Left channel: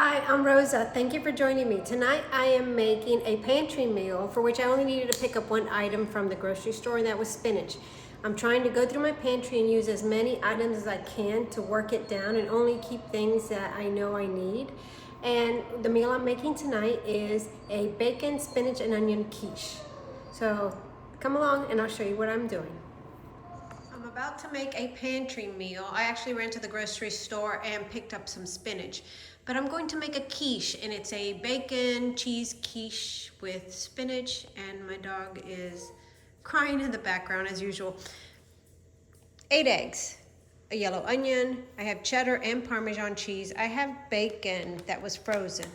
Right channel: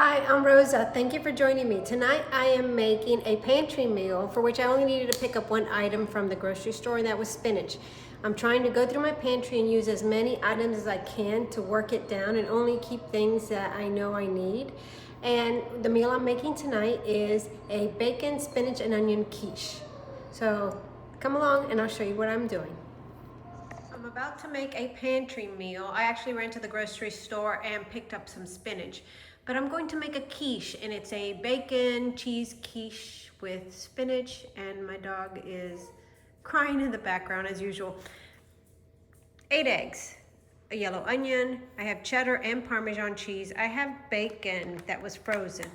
Hi, I'm Rosa. Thank you for joining me. Tonight I am making a pantry meal for which I only needed to pick up one item from the grocery store, and that was spinach. I'm trying to go through my pantry and use as many items as I can to work it down and only keep things that I know I need. And the meal I'm making tonight is a bacon, spinach, and onion quiche. So come along and I'll show you what I'm doing. I'm about to make a pantry meal. I actually ran to the grocery store and picked up some spinach, but I'm going to make a quiche, and it's a bacon cheese quiche with spinach, and my dog is crying in the background as usual. 8 eggs, a yellow onion, I have cheddar and Parmesan cheese, I have bacon that was frozen.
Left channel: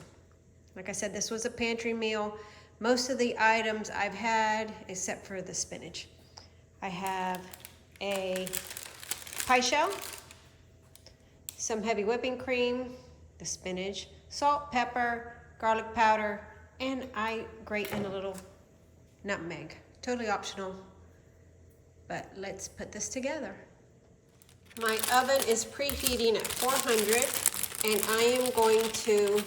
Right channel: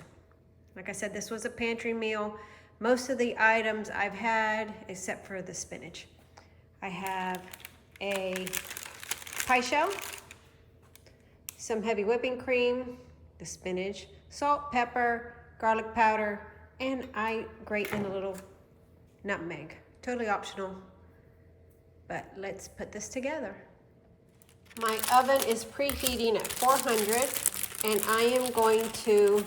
Like I said, this was a pantry meal. Most of the items I've had except for the spinach. I have a pie shell, some heavy whipping cream, the spinach, salt, pepper, garlic powder, and I grate in a little nutmeg. Totally optional, but let's put this together. My oven is preheating at 400, and I am going to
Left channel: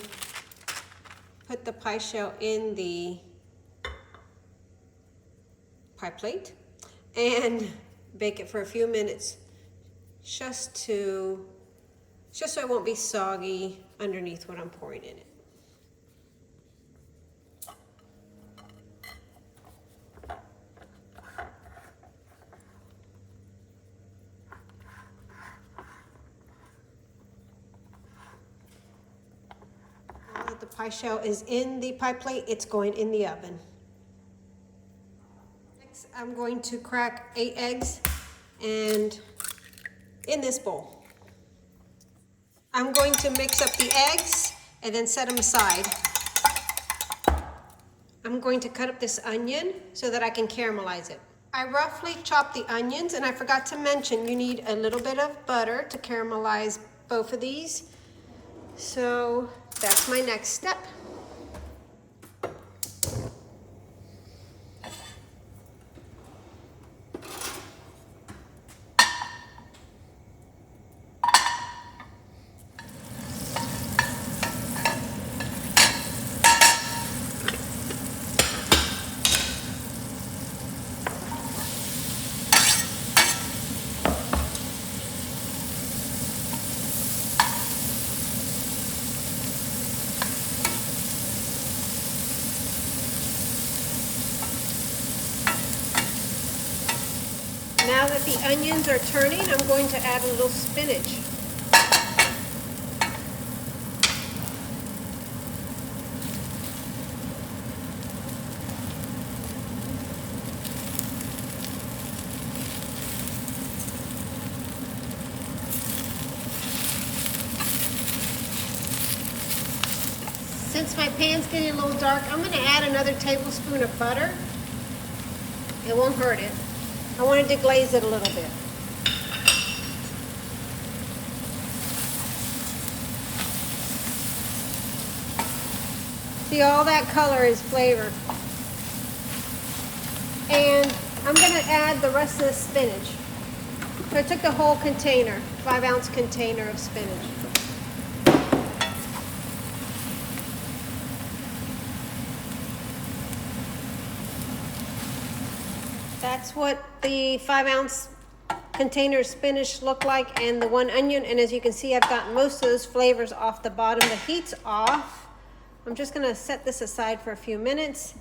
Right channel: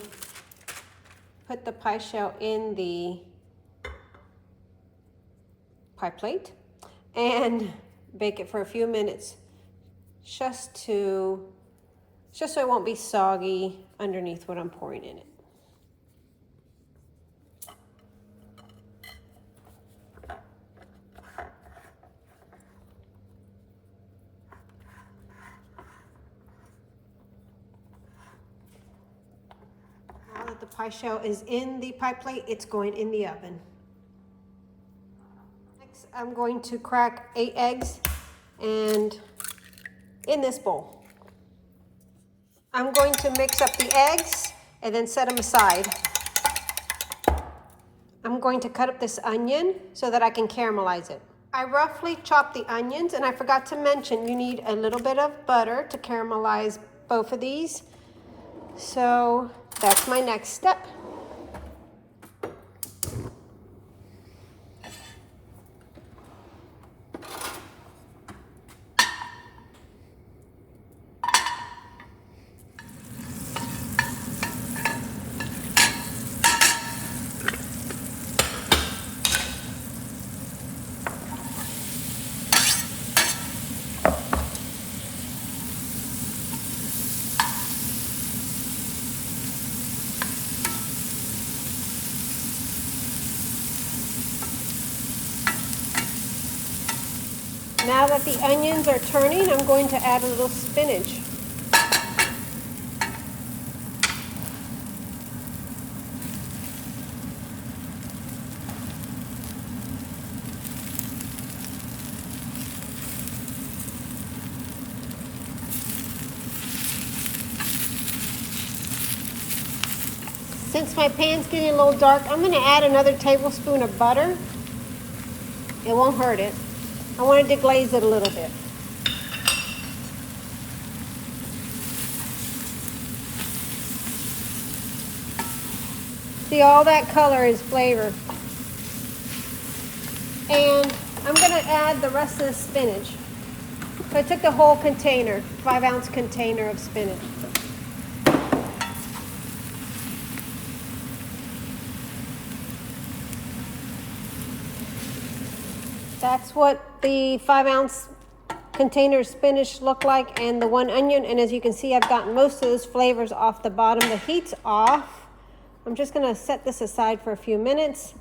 put the pie shell in the pie plate and bake it for a few minutes just so it won't be soggy underneath what I'm pouring in it. Now that the pie shell is in the pie plate, it's going in the oven. Next, I'm going to crack 8 eggs and in this bowl. I'm going to mix up the eggs and then set them aside. I'm going to cut up this onion so that I can caramelize it. I roughly chopped the onions, and I forgot to mention you need a little bit of butter to caramelize both of these. So that's my next step. Now that the onions are turning, I'm going to add a little spinach. Since my pan's getting a little dark, I'm going to add another tablespoon of butter. It won't hurt it. I wanted to glaze it a little bit. See, all that color is flavor. And I'm going to add the rest of the spinach. So I took the whole container, 5-ounce container of spinach. That's what the 5-ounce container of spinach look like, and the 1 onion. And as you can see, I've gotten most of those flavors off the bottom. The heat's off. I'm just gonna set this aside for a few minutes.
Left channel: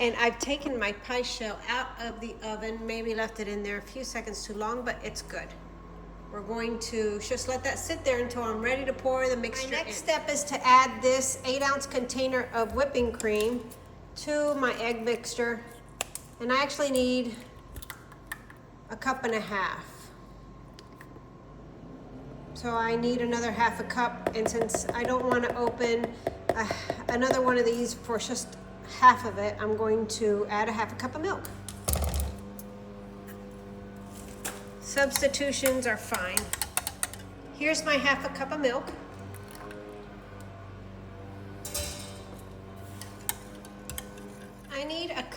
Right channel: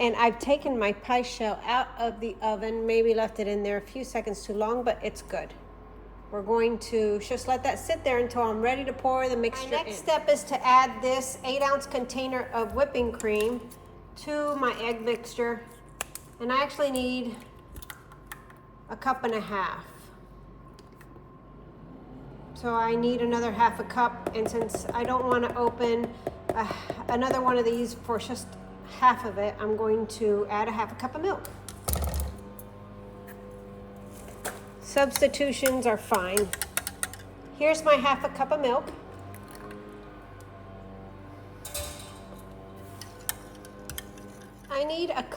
And I've taken my pie shell out of the oven, maybe left it in there a few seconds too long, but it's good. We're going to just let that sit there until I'm ready to pour the mixture in. My next step is to add this 8-ounce container of whipping cream to my egg mixture. And I actually need 1.5 cups. So I need another 1/2 cup, and since I don't want to open another one of these for just half of it, I'm going to add 1/2 cup of milk. Substitutions are fine. Here's my 1/2 cup of milk. I need 1.5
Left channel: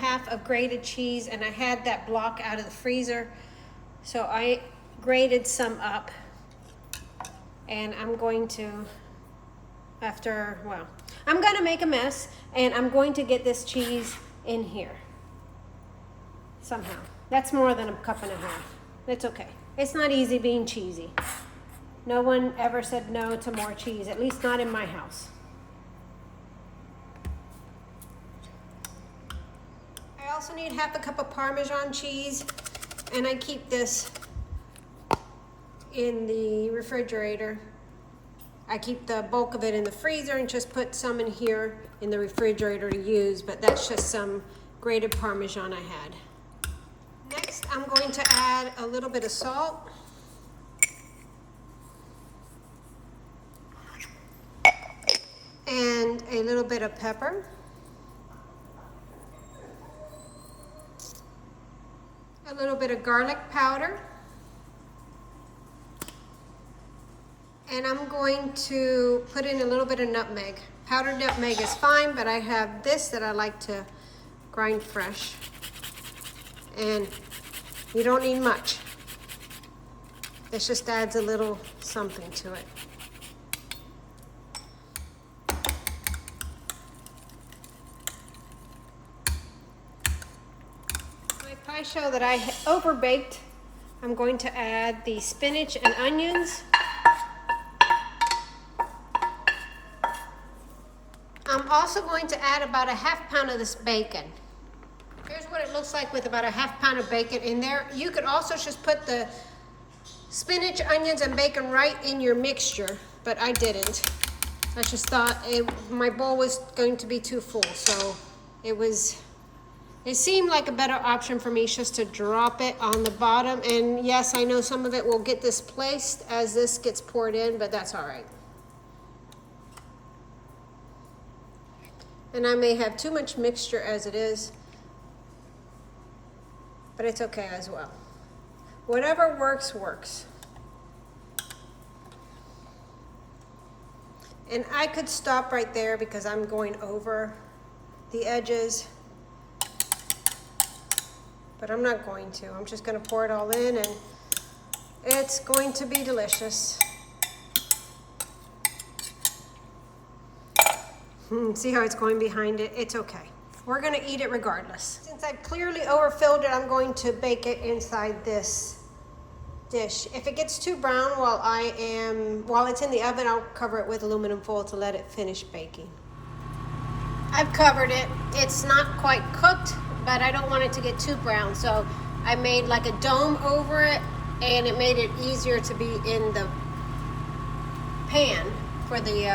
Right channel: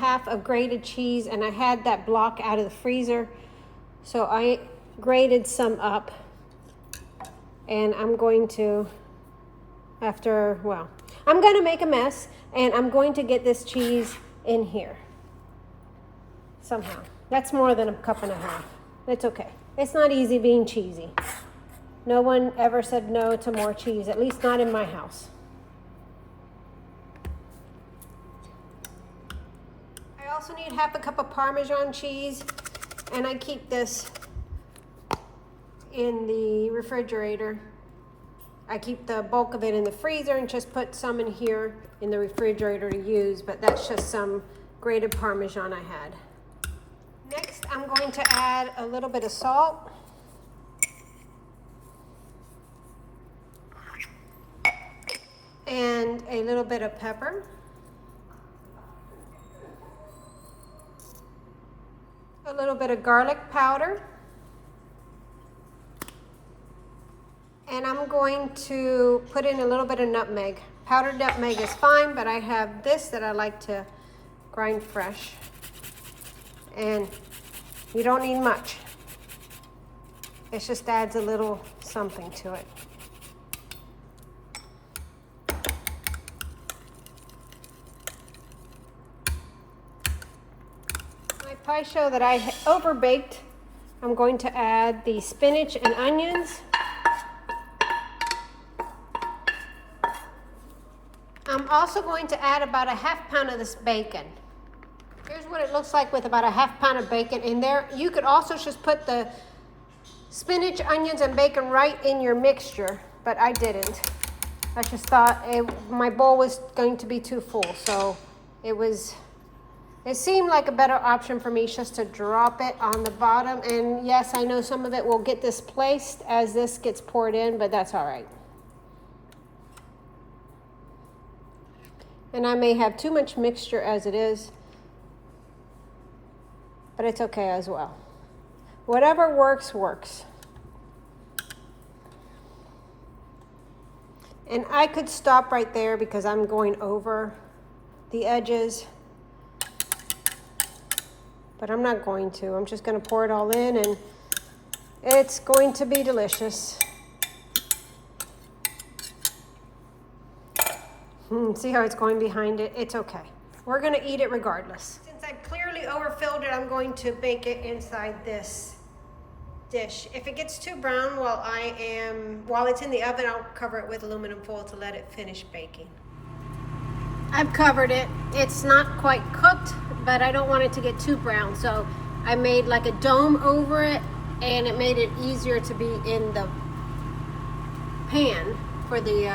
cups of grated cheese, and I had that block out of the freezer, so I grated some up, and I'm going to after, well, I'm gonna make a mess and I'm going to get this cheese in here somehow. That's more than a cup and a half. It's okay. It's not easy being cheesy. No one ever said no to more cheese, at least not in my house. I also need half a cup of Parmesan cheese, and I keep this in the refrigerator. I keep the bulk of it in the freezer and just put some in here in the refrigerator to use, but that's just some grated Parmesan I had. Next, I'm going to add a little bit of salt. And a little bit of pepper. A little bit of garlic powder. And I'm going to put in a little bit of nutmeg. Powdered nutmeg is fine, but I have this that I like to grind fresh. And you don't need much. It just adds a little something to it. My pie show that I overbaked, I'm going to add the spinach and onions. I'm also going to add about a half pound of this bacon. Here's what it looks like with about a half pound of bacon in there. You could also just put the spinach, onions, and bacon right in your mixture, but I didn't. I just thought my bowl was going to be too full, so it seemed like a better option for me just to drop it on the bottom. And yes, I know some of it will get displaced as this gets poured in, but that's all right. And I may have too much mixture as it is, but it's okay as well. Whatever works, works. And I could stop right there because I'm going over the edges, but I'm not going to. I'm just going to pour it all in, and it's going to be delicious. See how it's going behind it? It's okay. We're gonna eat it regardless. Since I clearly overfilled it, I'm going to bake it inside this dish. If it gets too brown while it's in the oven, I'll cover it with aluminum foil to let it finish baking. I've covered it. It's not quite cooked, but I don't want it to get too brown, so I made like a dome over it, and it made it easier to be in the pan for the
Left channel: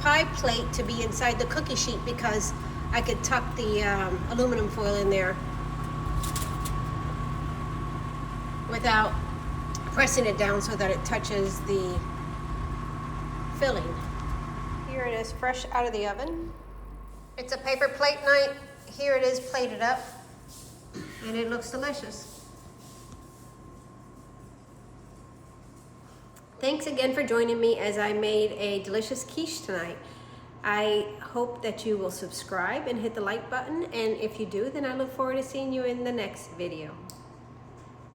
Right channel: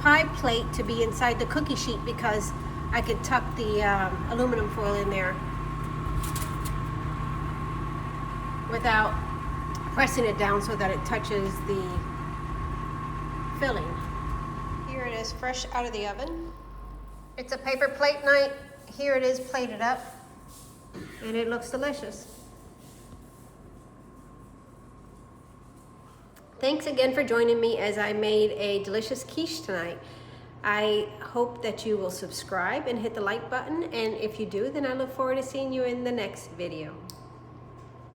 pie plate to be inside the cookie sheet, because I could tuck the aluminum foil in there without pressing it down so that it touches the filling. Here it is, fresh out of the oven. It's a paper plate night. Here it is plated up, and it looks delicious. Thanks again for joining me as I made a delicious quiche tonight. I hope that you will subscribe and hit the like button, and if you do, then I look forward to seeing you in the next video.